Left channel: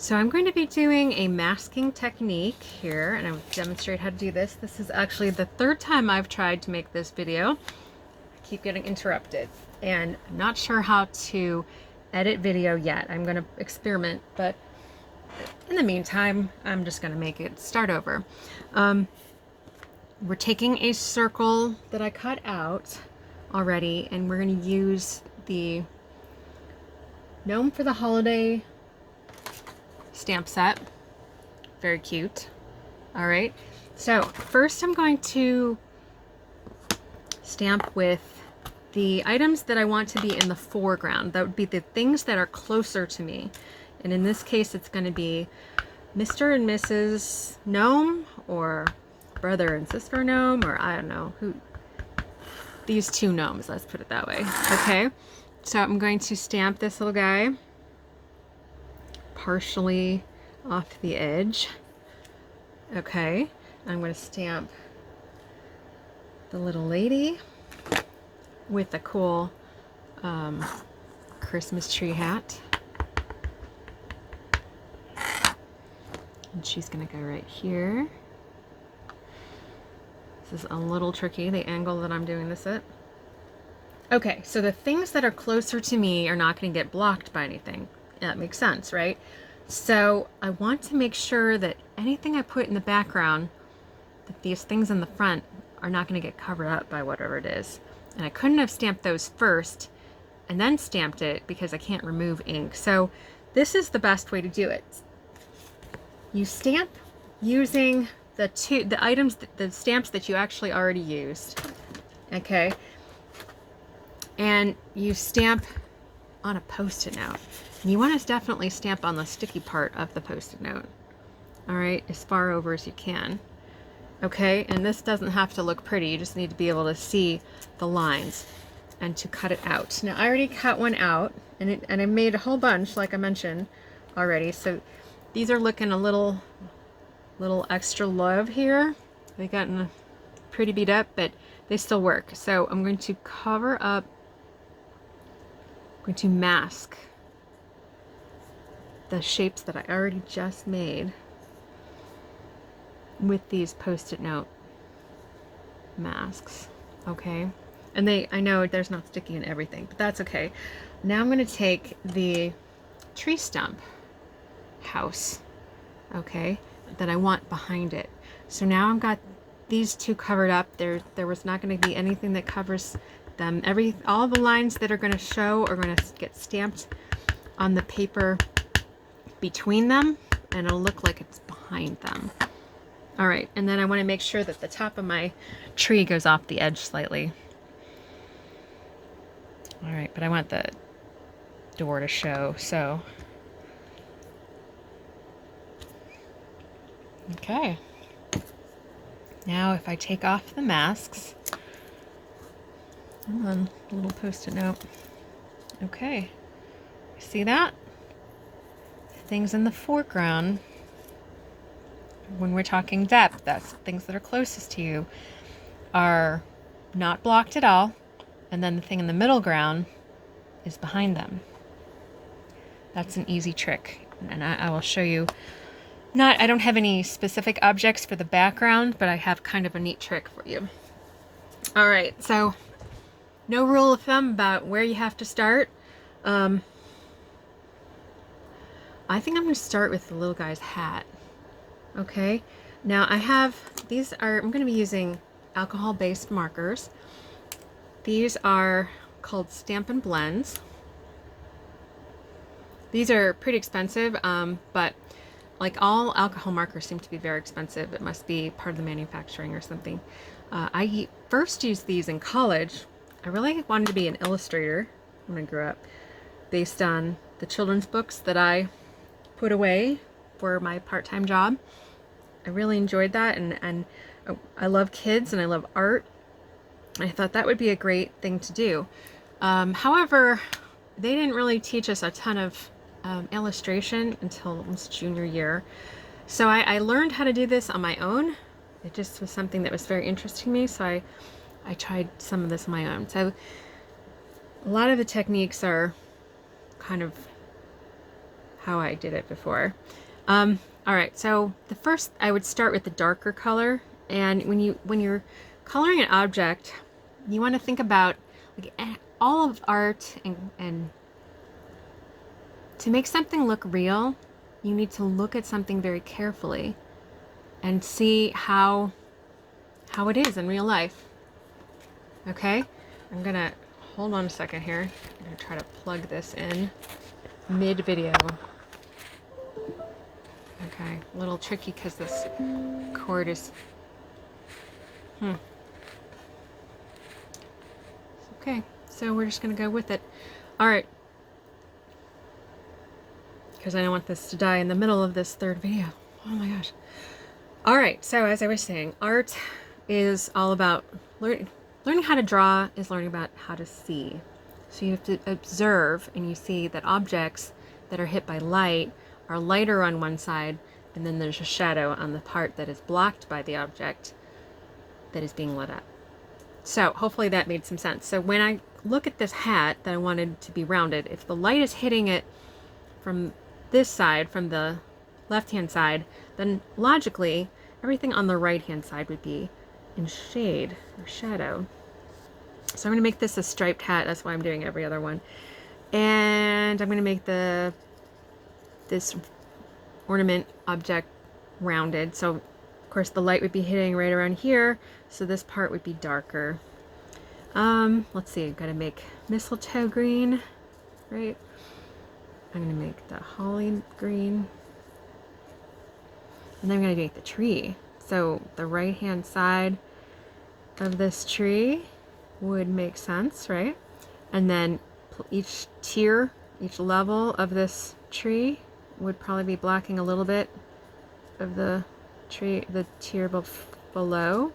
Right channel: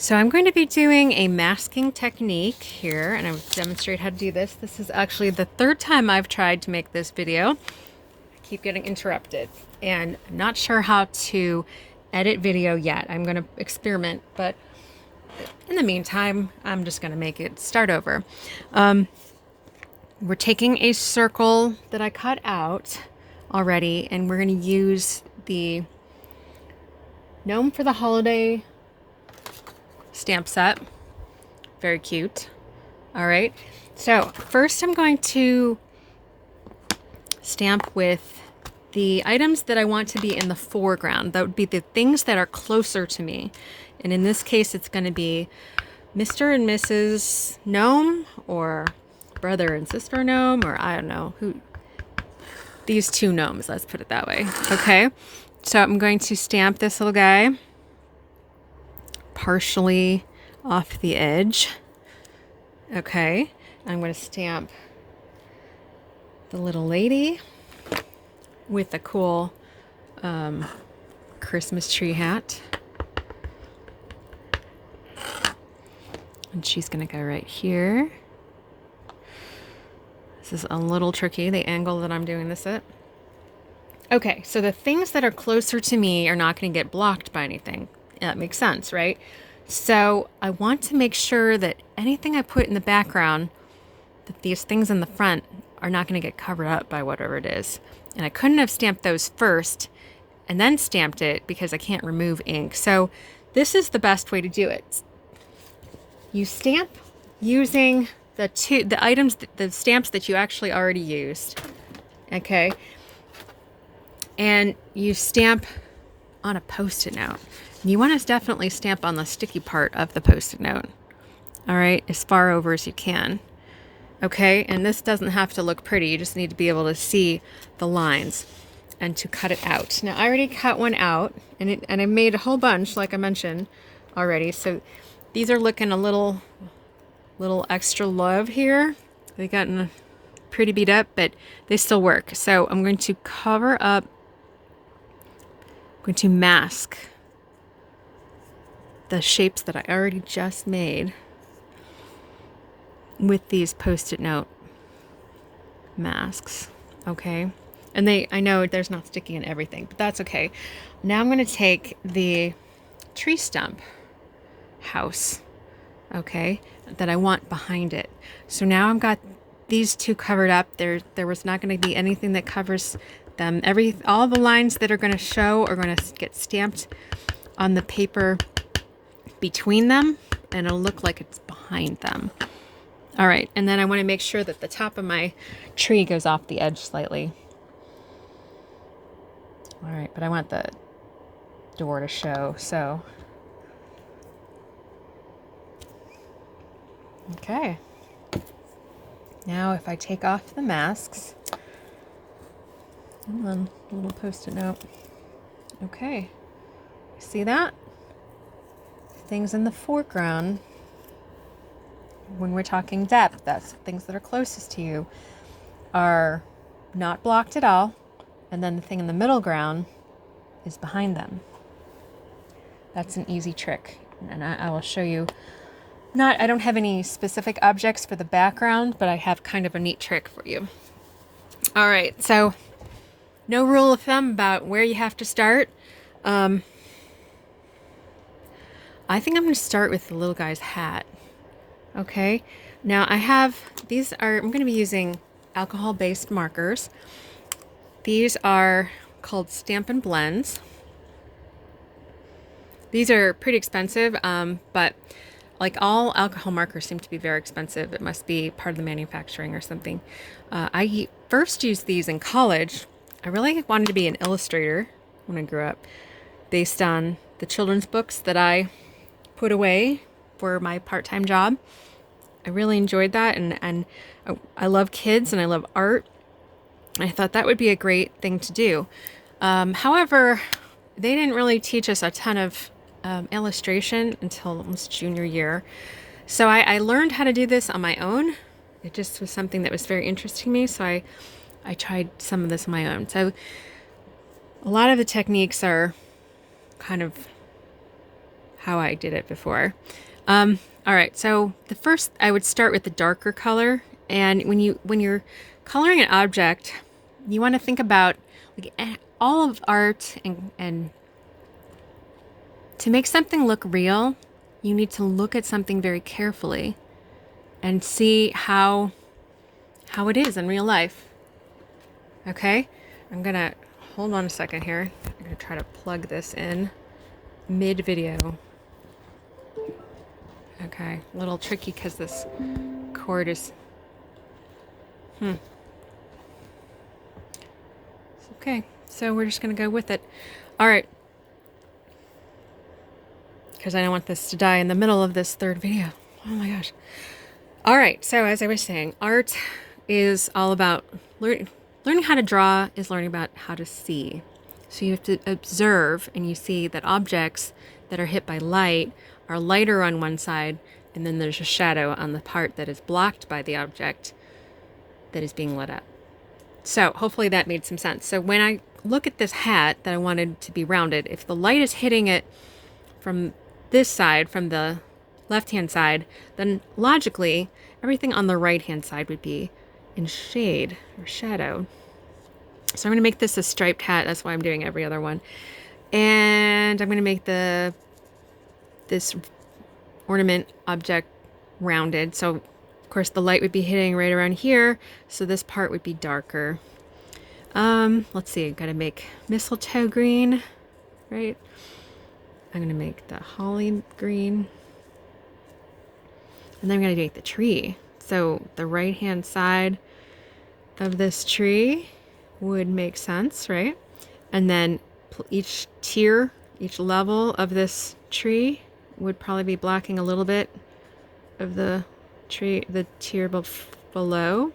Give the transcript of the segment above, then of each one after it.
So I'm going to be doing a masking technique here, and I'll demonstrate how to do this. This is actually the third time I've tried to make this video. I keep getting interrupted, and I'm not sure how to edit video yet. I'm going to experiment, but in the meantime, I'm just going to make it start over. We're taking a circle that I cut out already, and we're going to use the Gnome for the Holiday stamp set. Very cute. All right, so first I'm going to stamp with the items that I want to be in the foreground. That would be the things that are closer to me, and in this case it's going to be Mr. and Mrs. Gnome, or brother and sister Gnome, or I don't know who, these two gnomes, let's put it that way. Okay, so I'm going to stamp this little guy partially off the edge. Okay, I'm going to stamp the little lady with a cool Christmas tree hat. And she's going to go right here. This is a little tricky, the angle that I'm doing this at. Okay, so the things that are closer to me are not going to get blocked by anything. That makes sense, right? So I want to make sure that anything I put in the background, that these things in the front are not going to get covered up by whatever it is. And I couldn't have stamped those first and then stamped it because I can't remove ink. So this is the best way to do it. You stamp using the items, the stamps that you actually already used. Okay. And you stamp on a Post-it note. You want to definitely stamp on the sticky part of the Post-it note. All right, as far over as you can. Okay, and this doesn't have to look pretty. You just need to be able to see the lines and to cut it out. Now, I already cut one out, and I made a whole bunch, like I mentioned already. So these are looking a little extra love here. They gotten pretty beat up, but they still work. So I'm going to cover up. I'm going to mask the shapes that I already just made with these Post-it note masks. Okay, and I know there's not sticky in everything, but that's okay. Now I'm going to take the tree stump house, okay, that I want behind it. So now I've got these two covered up. There was not going to be anything that covers them. All the lines that are going to show are going to get stamped on the paper between them, and it'll look like it's behind them. All right, and then I want to make sure that the top of my tree goes off the edge slightly. All right, but I want the door to show, so. Okay. Now if I take off the masks, come on, a little Post-it note. Okay, see that? Things in the foreground, when we're talking depth, that's things that are closest to you, are not blocked at all, and then the thing in the middle ground is behind them. That's an easy trick, and I will show you. I don't have any specific objects for the background, but I have kind of a neat trick for you. All right, so no rule of thumb about where you have to start. I think I'm going to start with the little guy's hat. Okay, now I'm going to be using alcohol-based markers. These are called Stampin Blends. These are pretty expensive, but like all alcohol markers seem to be very expensive. It must be part of the manufacturing or something. I first used these in college. I really wanted to be an illustrator when I grew up, based on the children's books that I put away for my part-time job. I really enjoyed that, and I love kids and I love art. I thought that would be a great thing to do. However, they didn't really teach us a ton of illustration until almost junior year. So I learned how to do this on my own. It just was something that was very interesting to me, so I tried some of this on my own. So a lot of the techniques are kind of how I did it before. All right, so the first I would start with the darker color, and when you're coloring an object, you want to think about like all of art, and to make something look real, you need to look at something very carefully and see how it is in real life. Okay, I'm gonna hold on a second here. I'm gonna try to plug this in mid video. Okay, a little tricky because this cord is okay, so we're just gonna go with it. All right, because I don't want this to die in the middle of this third video. Oh my gosh. All right, so as I was saying, art is all about learning how to draw is learning about how to see. So you have to observe, and you see that objects that are hit by light are lighter on one side, and then there's a shadow on the part that is blocked by the object that is being lit up. So hopefully that made some sense. So when I look at this hat that I wanted to be rounded, if the light is hitting it from this side, from the left-hand side, then logically everything on the right-hand side would be in shade or shadow. So I'm going to make this a striped hat. That's why I'm doing every other one. And I'm going to make this ornament object rounded. So of course the light would be hitting right around here, so this part would be darker. Let's see, I've got to make mistletoe green, right? I'm going to make the holly green. And then I'm going to make the tree. So the right hand side of this tree would make sense, right? And then each tier, each level of this tree would probably be blocking a little bit of the tree, the tier below.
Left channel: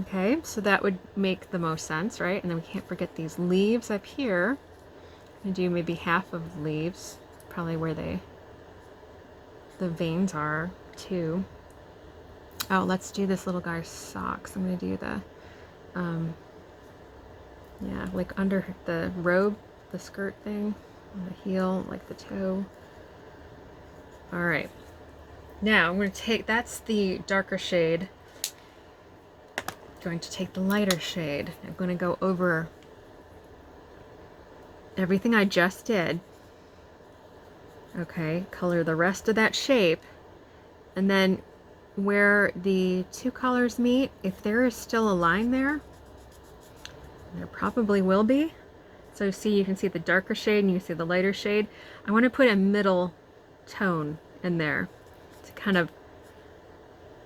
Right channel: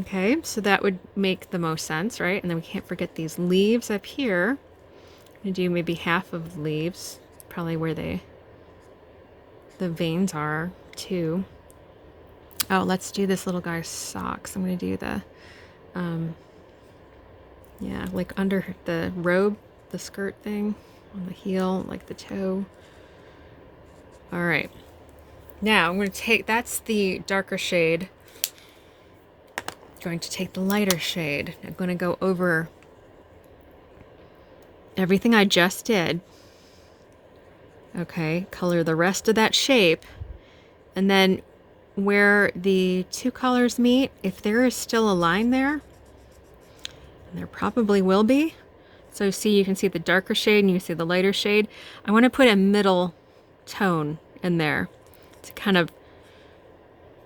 Okay, so that would make the most sense, right? And then we can't forget these leaves up here. I'm going to do maybe half of the leaves, probably where the veins are too. Oh, let's do this little guy's socks. I'm going to do the yeah, like under the robe, the skirt thing, the heel, like the toe. All right, now I'm going to take, that's the darker shade. I'm going to take the lighter shade. I'm going to go over everything I just did. Okay, color the rest of that shape, and then where the two colors meet, if there is still a line there, and there probably will be, so see, you can see the darker shade and you see the lighter shade. I want to put a middle tone in there to kind of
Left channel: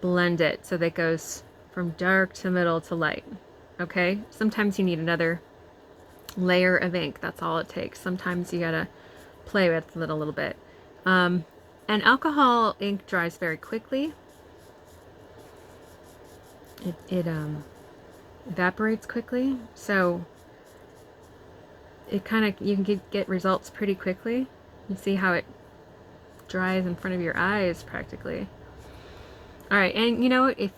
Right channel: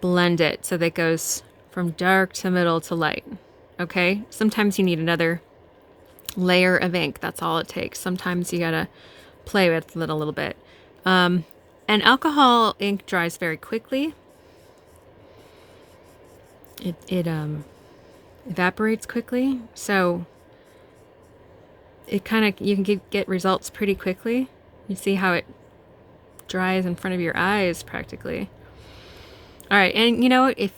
blend it so that it goes from dark to middle to light. Okay, sometimes you need another layer of ink. That's all it takes. Sometimes you gotta play with it a little bit. And alcohol ink dries very quickly. It evaporates quickly, so it kind of, you can get results pretty quickly. You see how it dries in front of your eyes practically. All right, and you know, if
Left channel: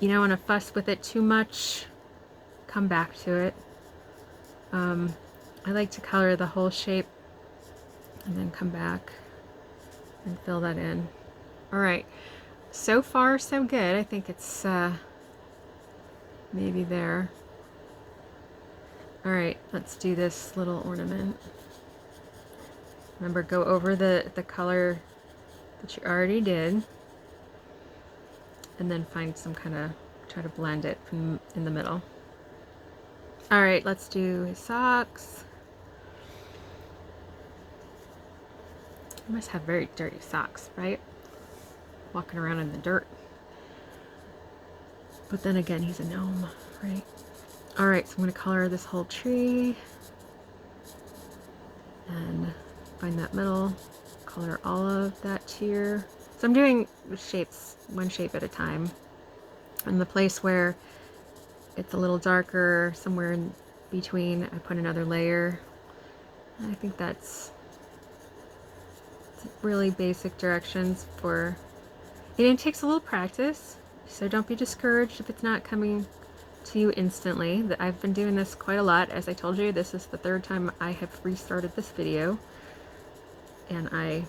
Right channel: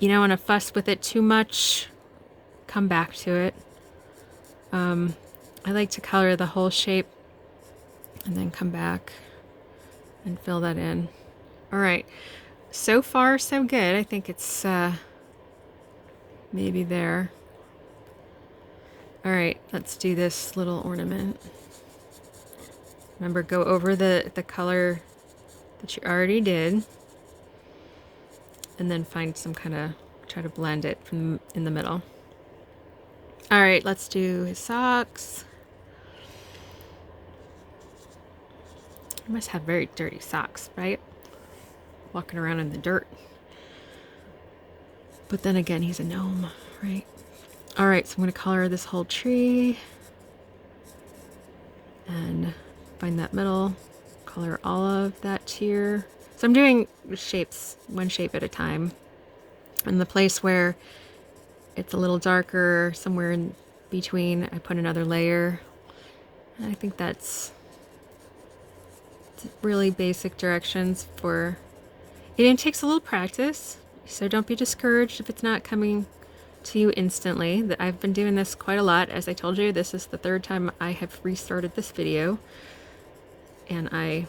you don't want to fuss with it too much, come back to it. I like to color the whole shape and then come back and fill that in. All right, so far so good. I think it's maybe there. All right, let's do this little ornament. Remember, go over the color that you already did, and then find some kind of, try to blend it from in the middle. All right, let's do his socks. He must have very dirty socks, right? Walking around in the dirt. But then again, he's a gnome, right? All right, so I'm going to color this whole tree and find that middle, color all of that tier. So I'm doing shapes, one shape at a time. And the place where it's a little darker, somewhere in between, I put another layer. And I think that's really basic directions for it. It takes a little practice, so don't be discouraged if it's not coming to you instantly. I've been doing this quite a lot. As I told you, this is the third time I have restarted this video. and I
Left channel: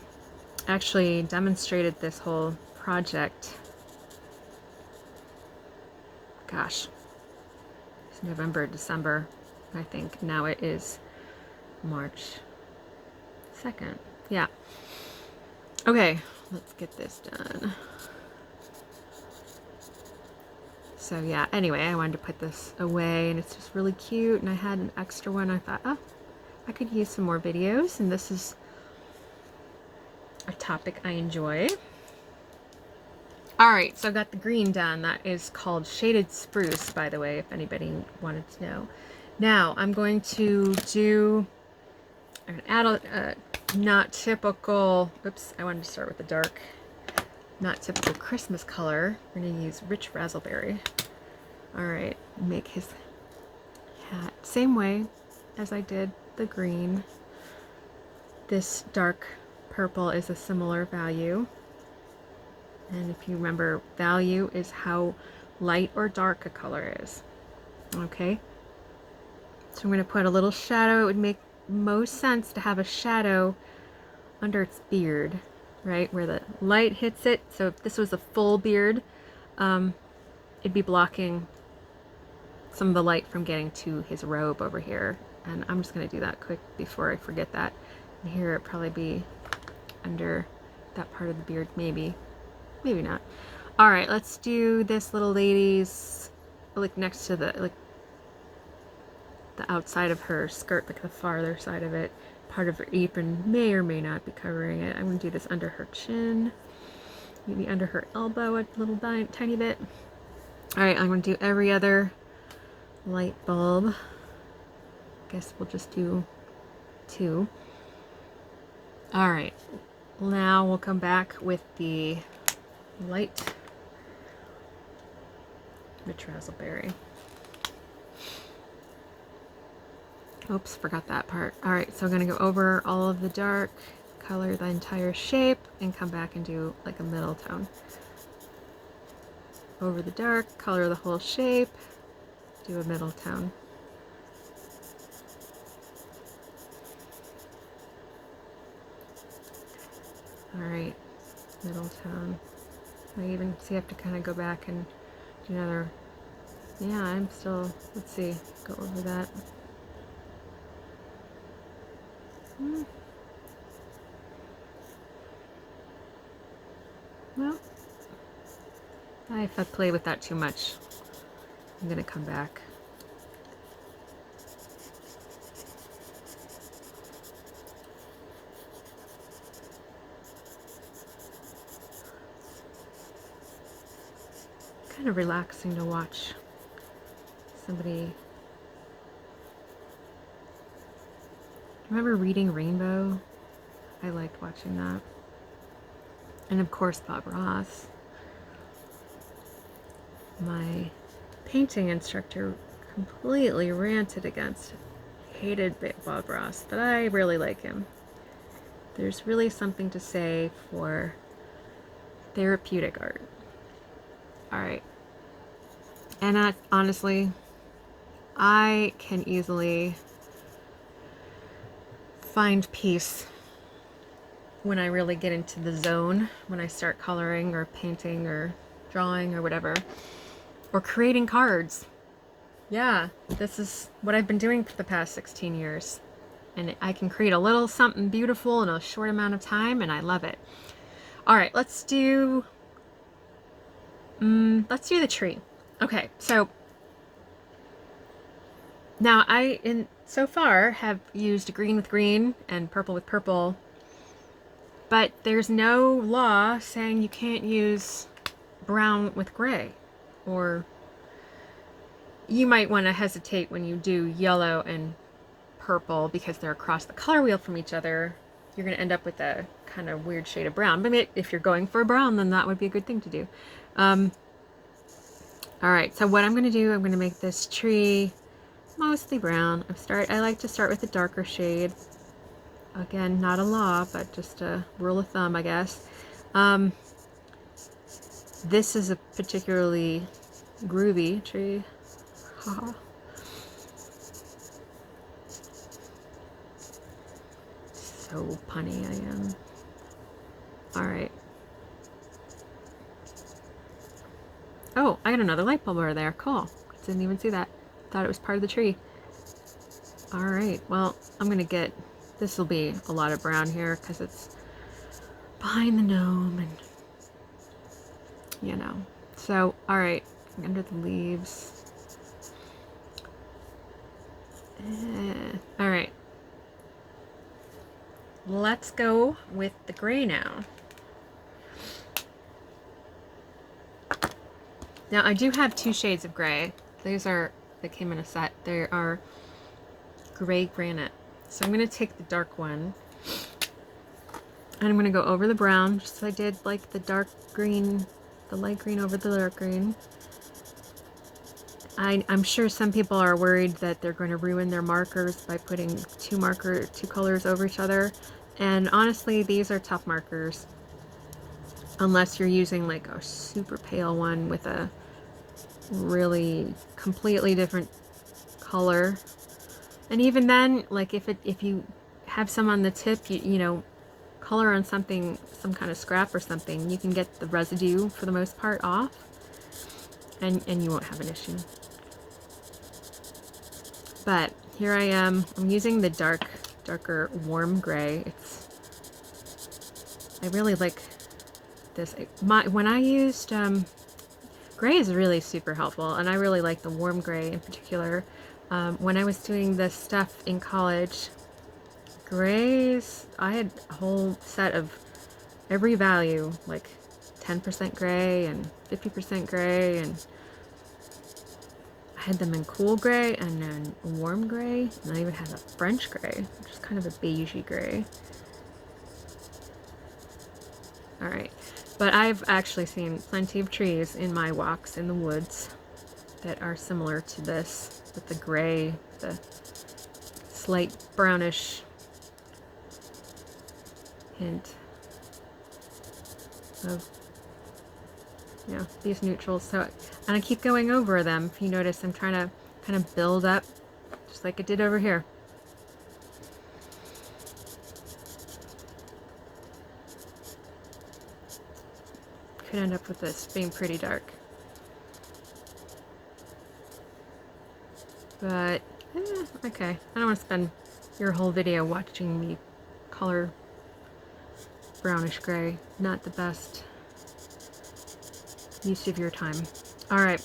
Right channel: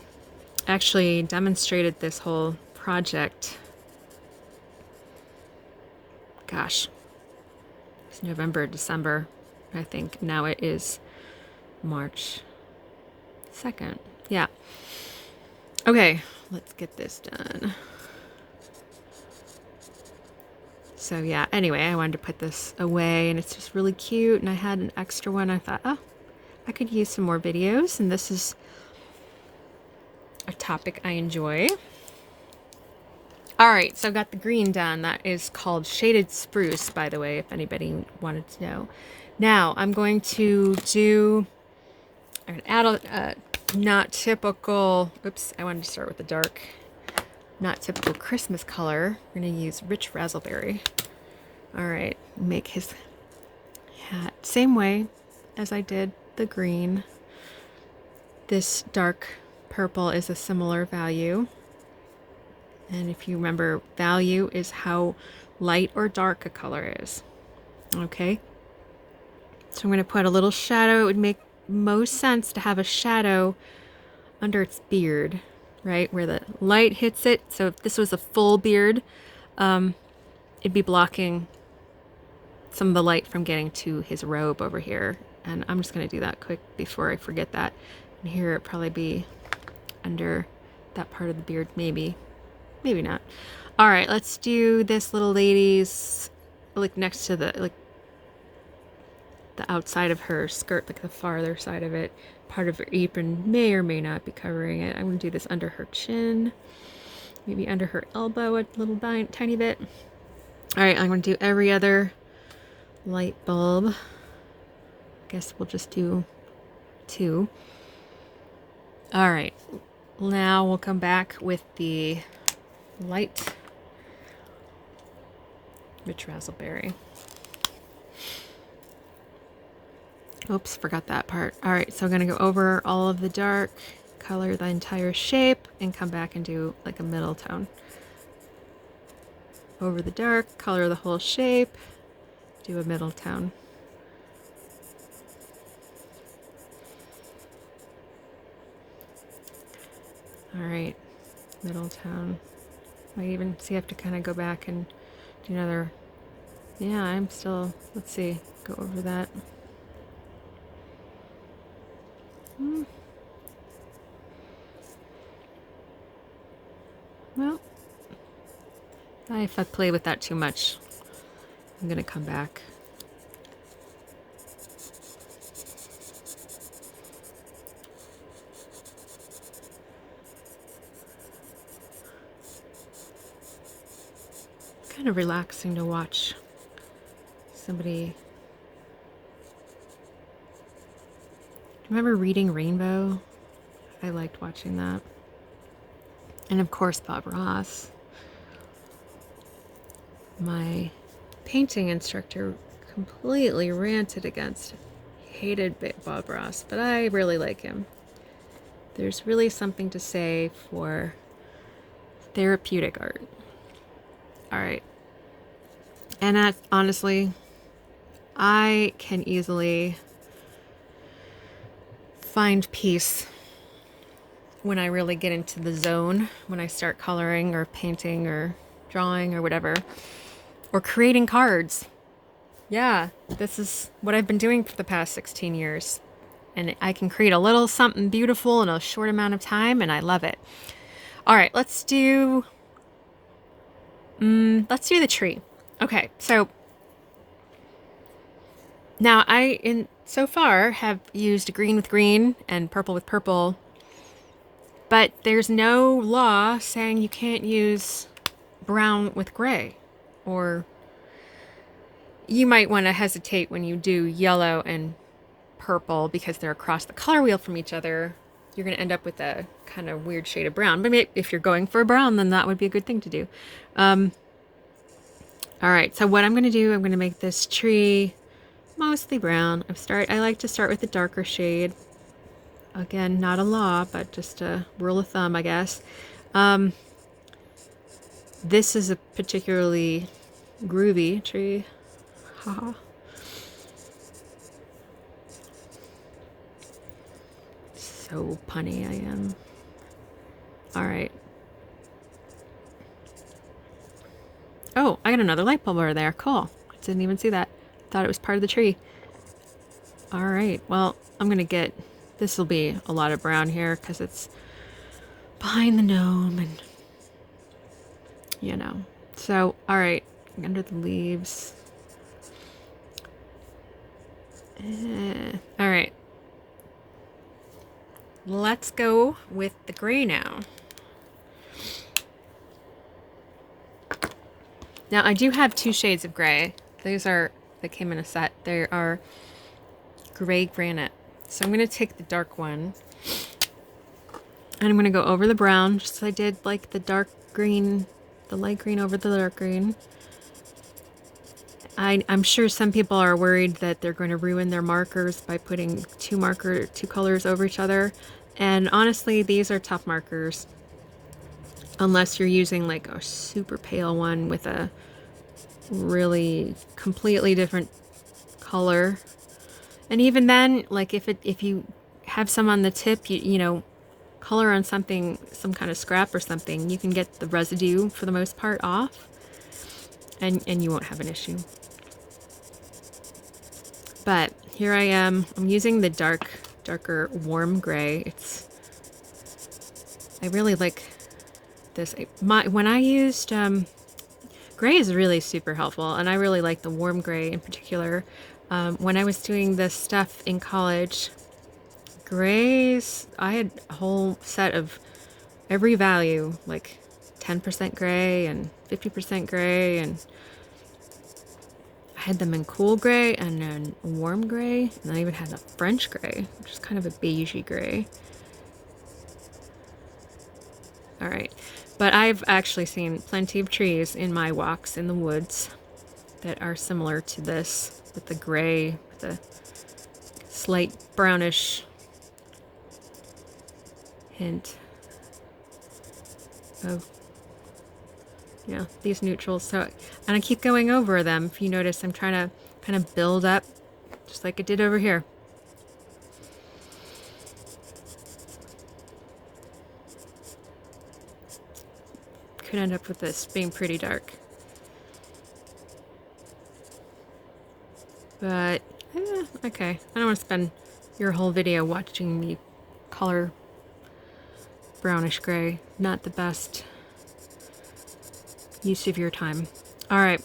actually demonstrated this whole project. Gosh, it's November, December, I think. Now it is March 2nd. Yeah. Okay, let's get this done. So yeah, anyway, I wanted to put this away, and it's just really cute, and I had an extra one. I thought, oh, I could use some more videos, and this is a topic I enjoy. All right, so I've got the green done. That is called Shaded Spruce, by the way, if anybody wanted to know. Now, I'm going to do an not typical, oops, I wanted to start with the dark, not typical Christmas color. We're going to use Rich Razzleberry. All right, make his hat same way as I did the green. This dark purple is a similar value. And if you remember, value is how light or dark a color is. Okay? So I'm going to put a little shadow. It would make most sense to have a shadow under its beard, right? Where the light hits it. So if this was a full beard, it'd be blocking some of the light from getting to his robe over here. And I'm just going to do that quick before I forget that. And here it'd probably be under that part of the beard, maybe. Maybe not. All right, let's do this little lady's, like next to the outside of her skirt, like the farther side of it. Part of her apron may or may not be covering it. I'm going to do this under her chin, maybe under her elbow a little tiny bit. All right, I'm going to do every other light bulb. Guess we'll just do 2. All right, now we'll come back with the light Rich Razzleberry. Oops, forgot that part. All right, so I'm going to go over all of the dark, color the entire shape, and come back and do like a middle tone. Over the dark, color the whole shape, do a middle tone. All right, middle tone. I even see I have to kind of go back and do another. Yeah, I'm still, let's see, go over that. Well, if I play with that too much, I'm gonna come back. Kind of relaxing to watch somebody. Remember Reading Rainbow? I liked watching that. And of course, Bob Ross. My painting instructor completely ranted against, hated Bob Ross, but I really like him. There's really something to say for therapeutic art. All right. And honestly, I can easily find peace when I really get into the zone, when I start coloring or painting or drawing or whatever, or creating cards. Yeah, this is what I've been doing for the past 16 years. And I can create a little something beautiful in a short amount of time, and I love it. All right, let's do the tree. Okay, so now so far have used green with green and purple with purple, but there's no law saying you can't use brown with gray, or you might want to hesitate when you do yellow and purple because they're across the color wheel from each other. You're going to end up with a kind of weird shade of brown, but maybe if you're going for a brown, then that would be a good thing to do. All right, so what I'm going to do, I'm going to make this tree mostly brown. I like to start with a darker shade. Again, not a law, but just a rule of thumb, I guess. This is a particularly groovy tree. Haha. so punny I am. All right. Oh, I got another light bulb over there. Cool. Didn't even see that. Thought it was part of the tree. All right. Well, I'm going to get... This will be a lot of brown here because it's behind the gnome and... You know. So, all right. Under the leaves. All right. Let's go with the gray now. Now, I do have 2 shades of gray. These are, they came in a set. They are gray granite. So I'm going to take the dark one. And I'm going to go over the brown, just as I did like the dark green, the light green over the dark green. I'm sure some people are worried that they're going to ruin their markers by putting 2 colors over each other. And honestly, these are tough markers. Unless you're using like a super pale one with a really completely different color. And even then, like if you have some on the tip, you know, color on something, some kind of scrap or something, you can get the residue for the most part off, and you won't have an issue. But here I am. I'm using the darker warm gray. I really like this. When I used gray is really super helpful, and I really like the warm gray in particular. When I was doing this stuff in college, grays, I had a whole set of every value, like 10% gray and 50% gray, and I had them in cool gray and then warm gray, and I even had a French gray, which is kind of a beigey gray. All right, but I've actually seen plenty of trees in my walks in the woods that are similar to this, with the gray, the slight brownish hint of, you know, these neutrals. So, and I keep going over them. If you notice, I'm trying to kind of build up, just like I did over here. Could end up with this being pretty dark. But, okay. I don't want to spend your whole video watching me color brownish gray. Not the best use of your time. All right.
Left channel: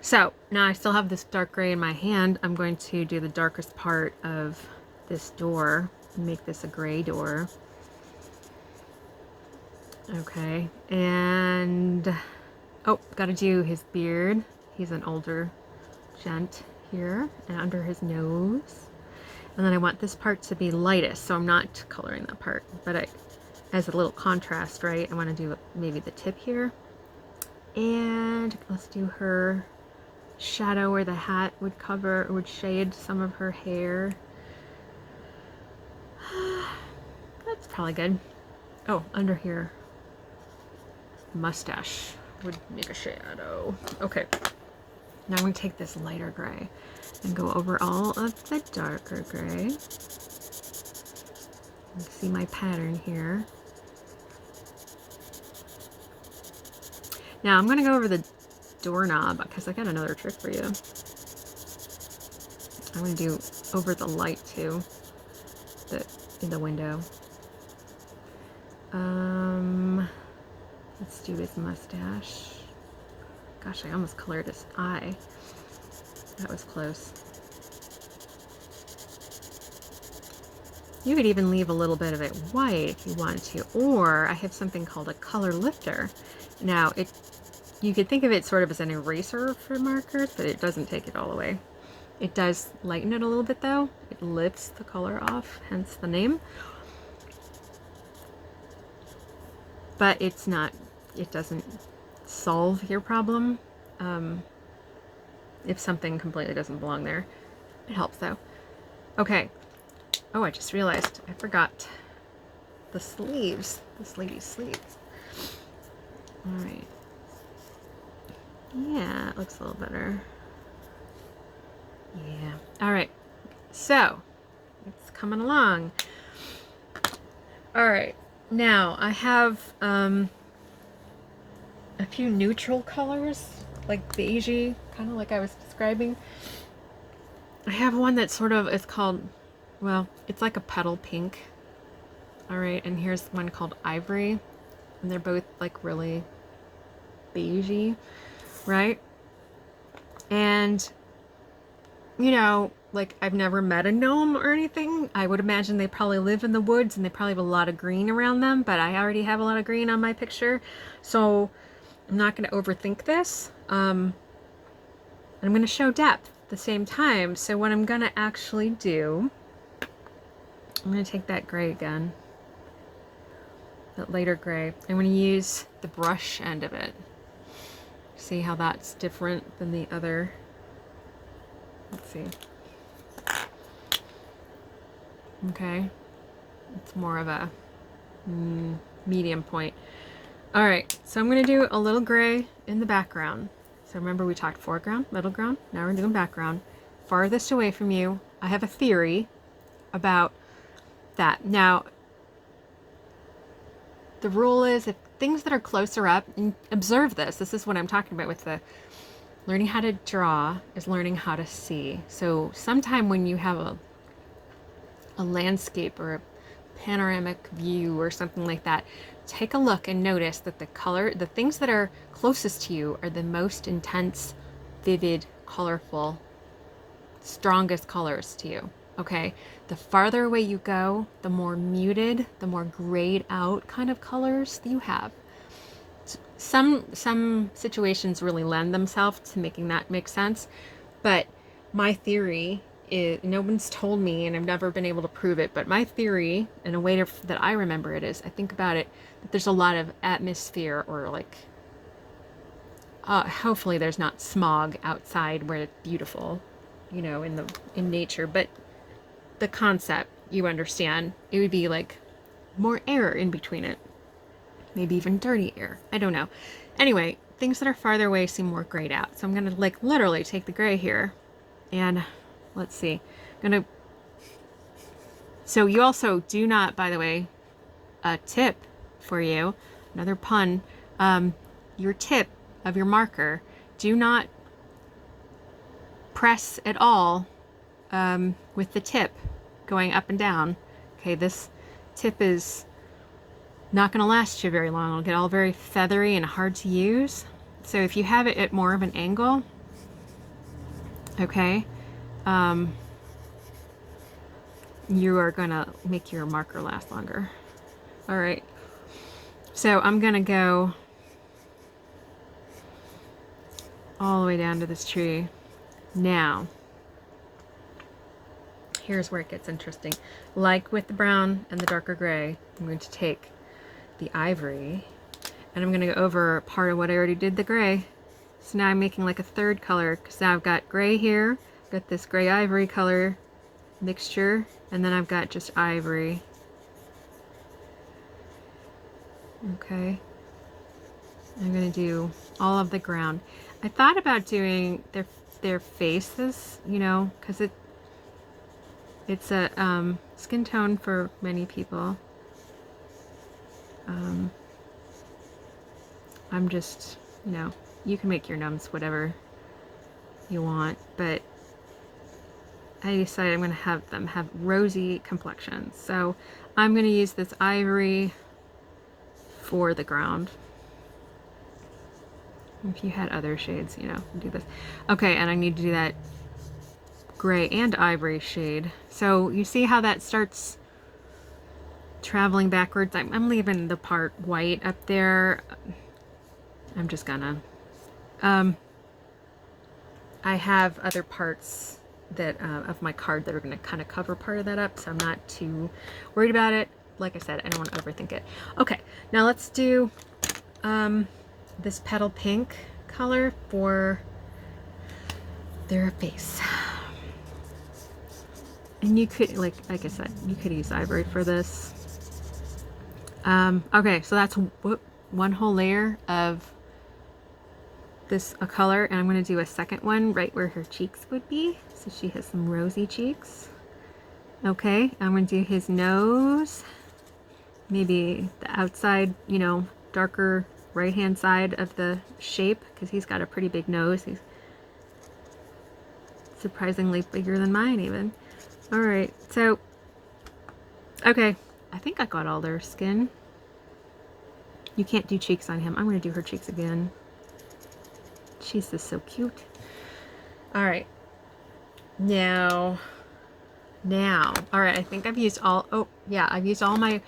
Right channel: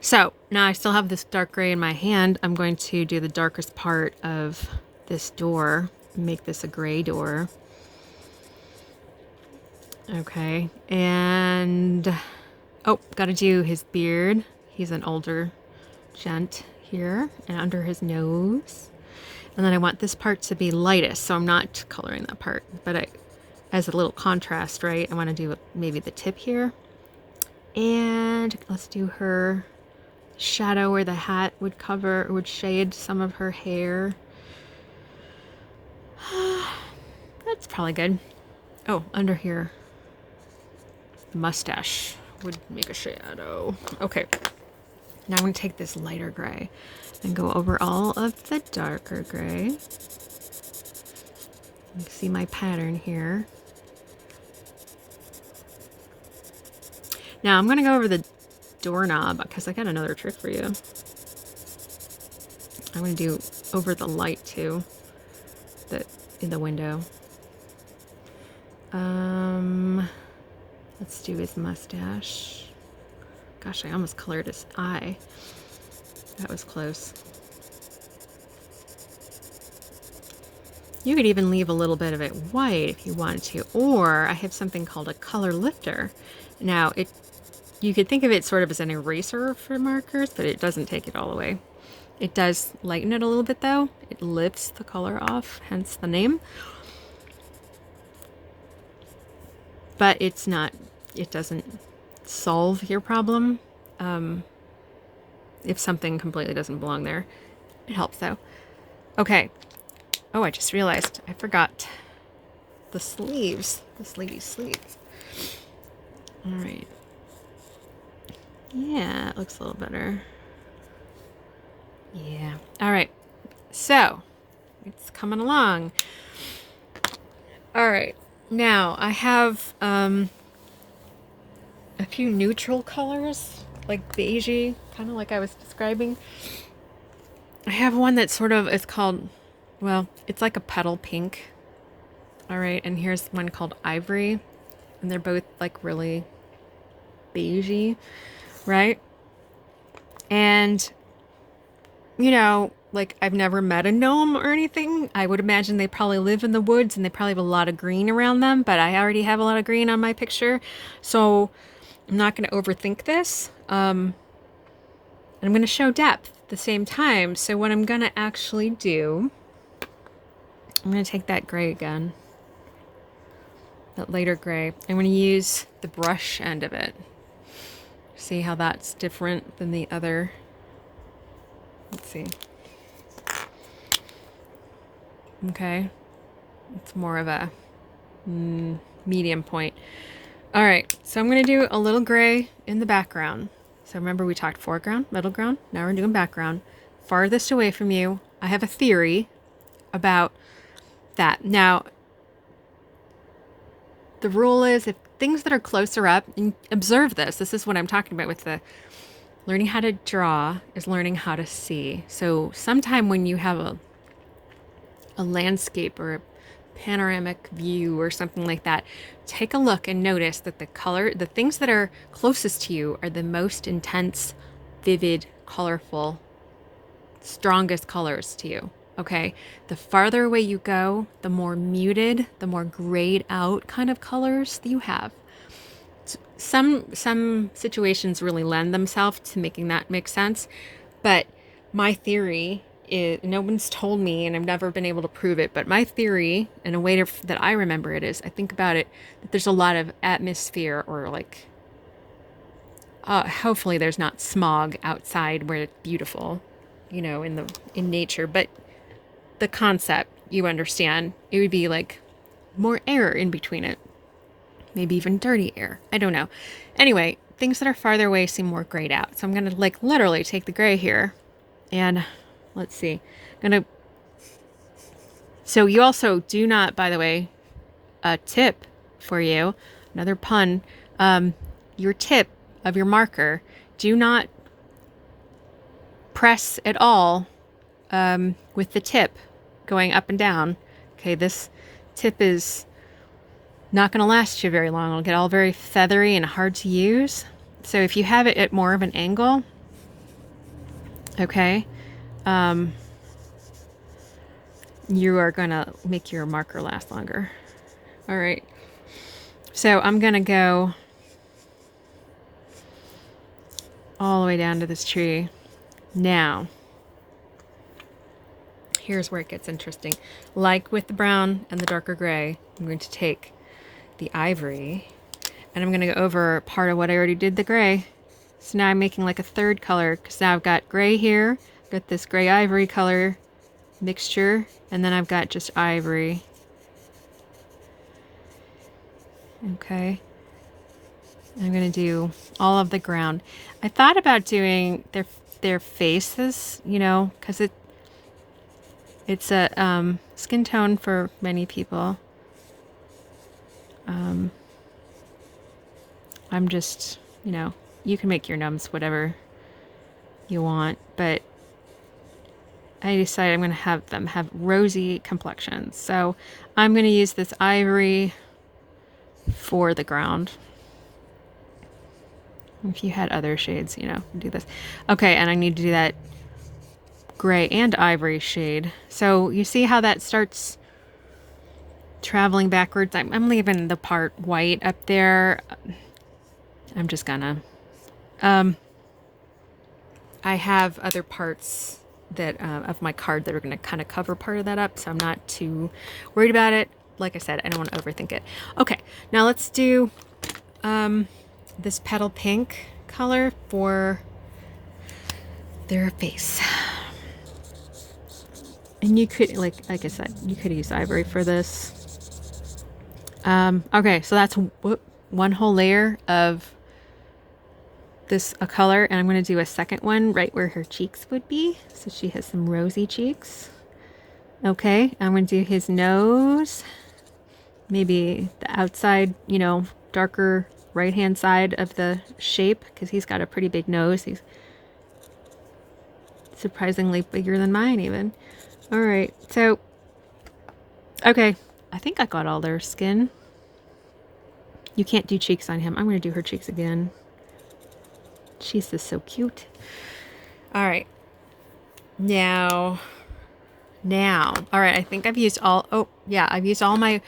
So now I still have this dark gray in my hand. I'm going to do the darkest part of this door, make this a gray door. Okay, and oh, gotta do his beard. He's an older gent here, and under his nose. And then I want this part to be lightest, so I'm not coloring that part, but as a little contrast, right? I want to do maybe the tip here. And let's do her shadow where the hat would shade some of her hair. That's probably good. Oh, under here. Mustache would make a shadow. Okay. Now I'm going to take this lighter gray and go over all of the darker gray. You can see my pattern here. Now I'm going to go over the doorknob because I got another trick for you. I'm going to do over the light too, in the window. Let's do his mustache. Gosh, I almost colored his eye. That was close. You could even leave a little bit of it white if you wanted to, or I have something called a color lifter. Now, you could think of it sort of as an eraser for markers, but it doesn't take it all away. It does lighten it a little bit though. It lifts the color off, hence the name. But it doesn't solve your problem. If something completely doesn't belong there. It helps though. Okay. Oh, I just realized I forgot the sleeves. This lady's sleeves. All right. Yeah, it looks a little better. Yeah. All right. So It's coming along. All right. Now I have a few neutral colors, like beigey, kind of like I was describing. I have one that sort of is called, well, it's like a petal pink. All right, and here's one called ivory, and they're both like really beigey, right? And you know, like I've never met a gnome or anything. I would imagine they probably live in the woods and they probably have a lot of green around them, but I already have a lot of green on my picture, so I'm not going to overthink this. I'm going to show depth at the same time. So what I'm going to actually do, I'm going to take that gray again, that lighter gray. I'm going to use the brush end of it. See how that's different than the other. Let's see. Okay. It's more of a medium point. All right, so I'm going to do a little gray in the background. So remember we talked foreground, middle ground, now we're doing background. Farthest away from you, I have a theory about that. Now, the rule is if things that are closer up, and observe this is what I'm talking about with the learning how to draw is learning how to see. So sometime when you have a landscape or a panoramic view or something like that, take a look and notice that the things that are closest to you are the most intense, vivid, colorful, strongest colors to you. Okay, the farther away you go, the more muted, the more grayed out kind of colors you have. Some situations really lend themselves to making that make sense, but my theory is, no one's told me and I've never been able to prove it, but my theory, in a way that I remember it, is I think about it that there's a lot of atmosphere, or like hopefully there's not smog outside where it's beautiful, you know, in nature, but the concept, you understand, it would be like more air in between it, maybe even dirty air, I don't know. Anyway, things that are farther away seem more grayed out, so I'm gonna like literally take the gray here and let's see, so you also do not, by the way, a tip for you, another pun, your tip of your marker, do not press at all with the tip going up and down. Okay, this tip is not going to last you very long. It'll get all very feathery and hard to use. So if you have it at more of an angle, okay, you are going to make your marker last longer. All right, so I'm going to go all the way down to this tree. Now, here's where it gets interesting. Like with the brown and the darker gray, I'm going to take the ivory and I'm going to go over part of what I already did the gray. So now I'm making like a third color, because now I've got gray here, got this gray ivory color mixture, and then I've got just ivory. Okay, I'm going to do all of the ground. I thought about doing their faces, you know, because it's a skin tone for many people. I'm just, you know, you can make your gnomes whatever you want, but I decided I'm going to have them have rosy complexions. So I'm going to use this ivory for the ground. If you had other shades, you know, do this. Okay, and I need to do that gray and ivory shade. So you see how that starts traveling backwards? I'm leaving the part white up there. I'm just gonna I have other parts that of my card that are going to kind of cover part of that up, so I'm not too worried about it. Like I said, I don't want to overthink it. Okay, now let's do this petal pink color for their face. And you could, like I said, you could use ivory for this. Okay, so that's one whole layer of this color, and I'm going to do a second one right where her cheeks would be, so she has some rosy cheeks. Okay, I'm going to do his nose. Maybe the outside, you know, darker right-hand side of the shape, because he's got a pretty big nose. He's surprisingly bigger than mine even. All right, so, okay, I think I got all their skin. You can't do cheeks on him. I'm going to do her cheeks again. She's just so cute. All right. Now, all right, I think I've used all, oh, yeah, I've used all my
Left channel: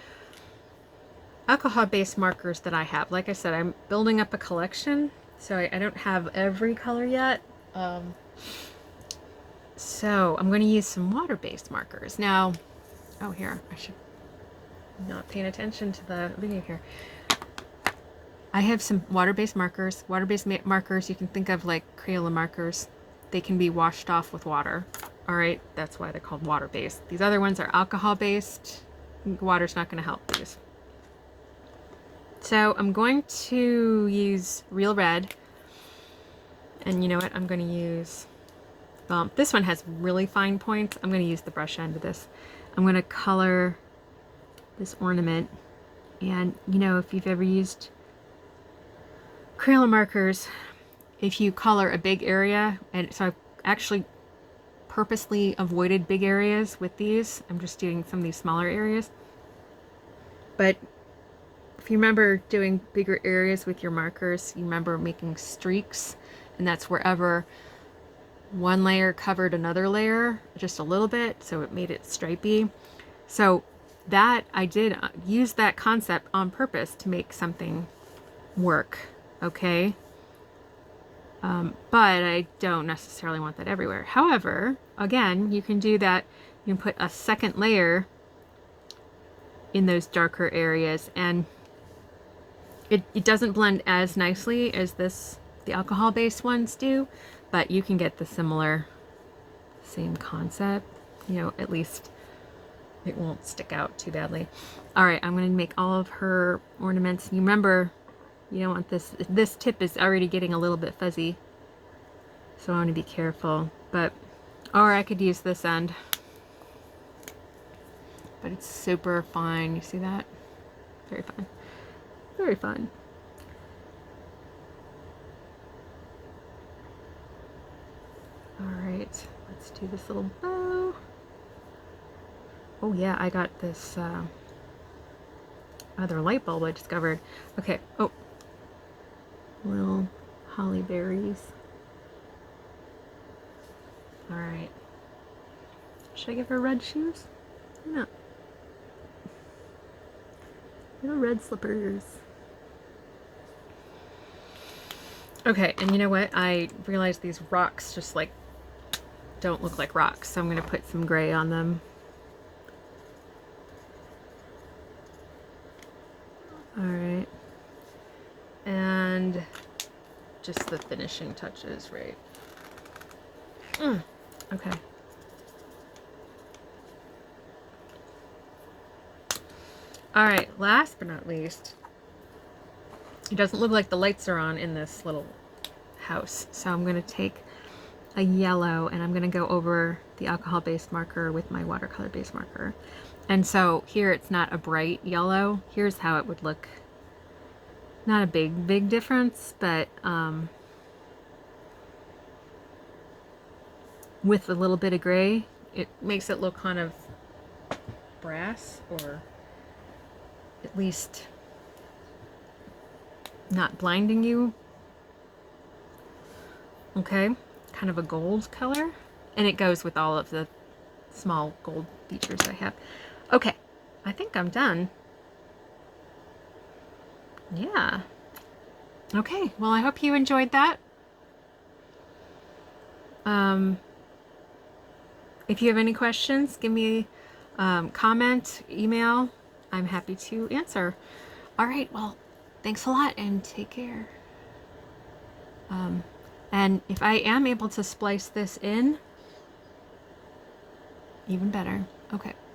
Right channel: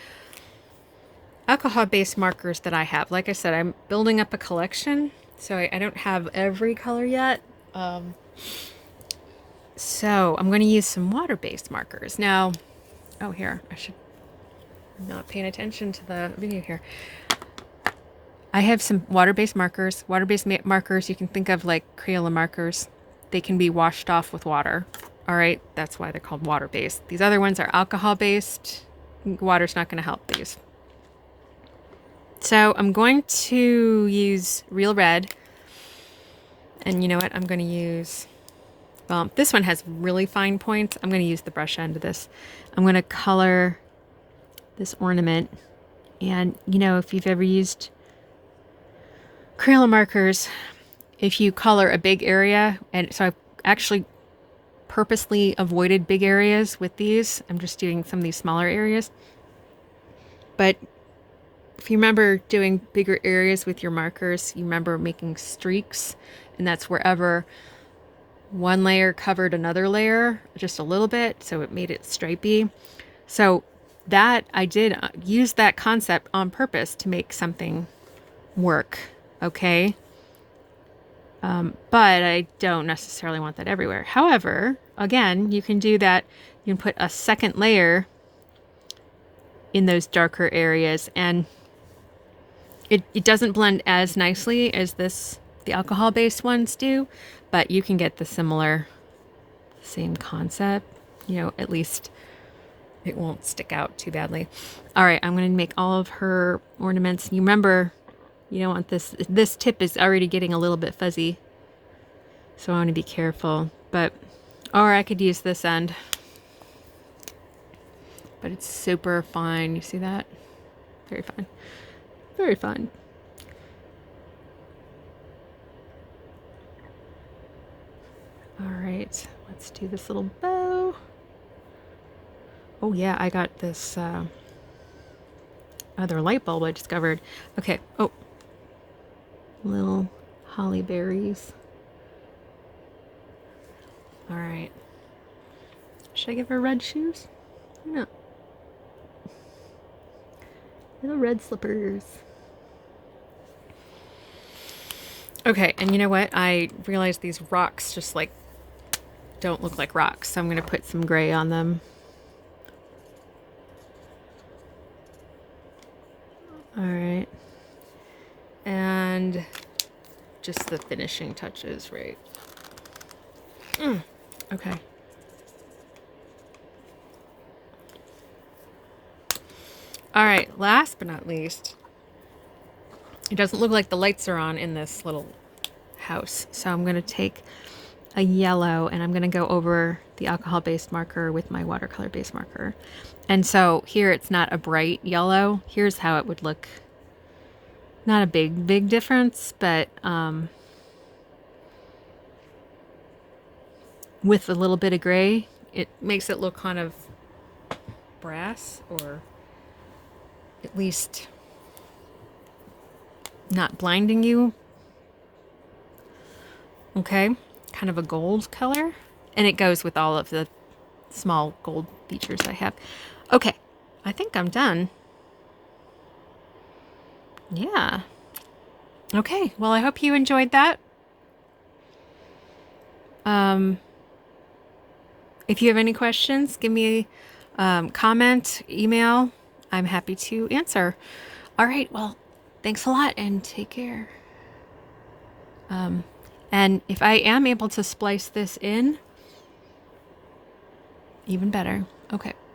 alcohol-based markers that I have. Like I said, I'm building up a collection, so I don't have every color yet. So I'm going to use some water-based markers. Now, oh, here, I should not paying attention to the video here. I have some water-based markers. Water-based markers, you can think of like Crayola markers. They can be washed off with water. All right, that's why they're called water-based. These other ones are alcohol-based. Water's not going to help these. So I'm going to use Real Red. And you know what? I'm going to use, well, this one has really fine points. I'm going to use the brush end of this. I'm going to color this ornament. And you know, if you've ever used Crayola markers, if you color a big area, and so I've actually purposely avoided big areas with these. I'm just doing some of these smaller areas. But if you remember doing bigger areas with your markers, you remember making streaks, and that's wherever one layer covered another layer just a little bit, so it made it stripy. So that I did use that concept on purpose to make something work, okay? But I don't necessarily want that everywhere. However, again, you can do that. You can put a second layer in those darker areas, and it doesn't blend as nicely as the alcohol-based ones do, but you can get the same concept. You know, at least it won't stick out too badly. All right, I'm going to make all of her ornaments. You remember, you don't want this tip is already getting a little bit fuzzy, so I want to be careful. But, or I could use this end, but it's super fine. You see that? Very fine. Very fun. All right, let's do this little bow. Oh yeah, I got this other light bulb I discovered. Okay, oh, little holly berries. All right, should I give her red shoes? No. Little red slippers. Okay, and you know what? I realized these rocks just like don't look like rocks, so I'm going to put some gray on them. All right. And just the finishing touches, right? Okay. All right, last but not least, it doesn't look like the lights are on in this little house, so I'm going to take a yellow and I'm going to go over the alcohol-based marker with my watercolor-based marker. And so here it's not a bright yellow. Here's how it would look. Not a big difference, but with a little bit of gray, it makes it look kind of brass, or at least not blinding you. Okay, kind of a gold color, and it goes with all of the small gold features I have. Okay, I think I'm done. Yeah. Okay, well, I hope you enjoyed that. If you have any questions, give me a comment, email. I'm happy to answer. All right, well, thanks a lot and take care. And if I am able to splice this in, even better. Okay.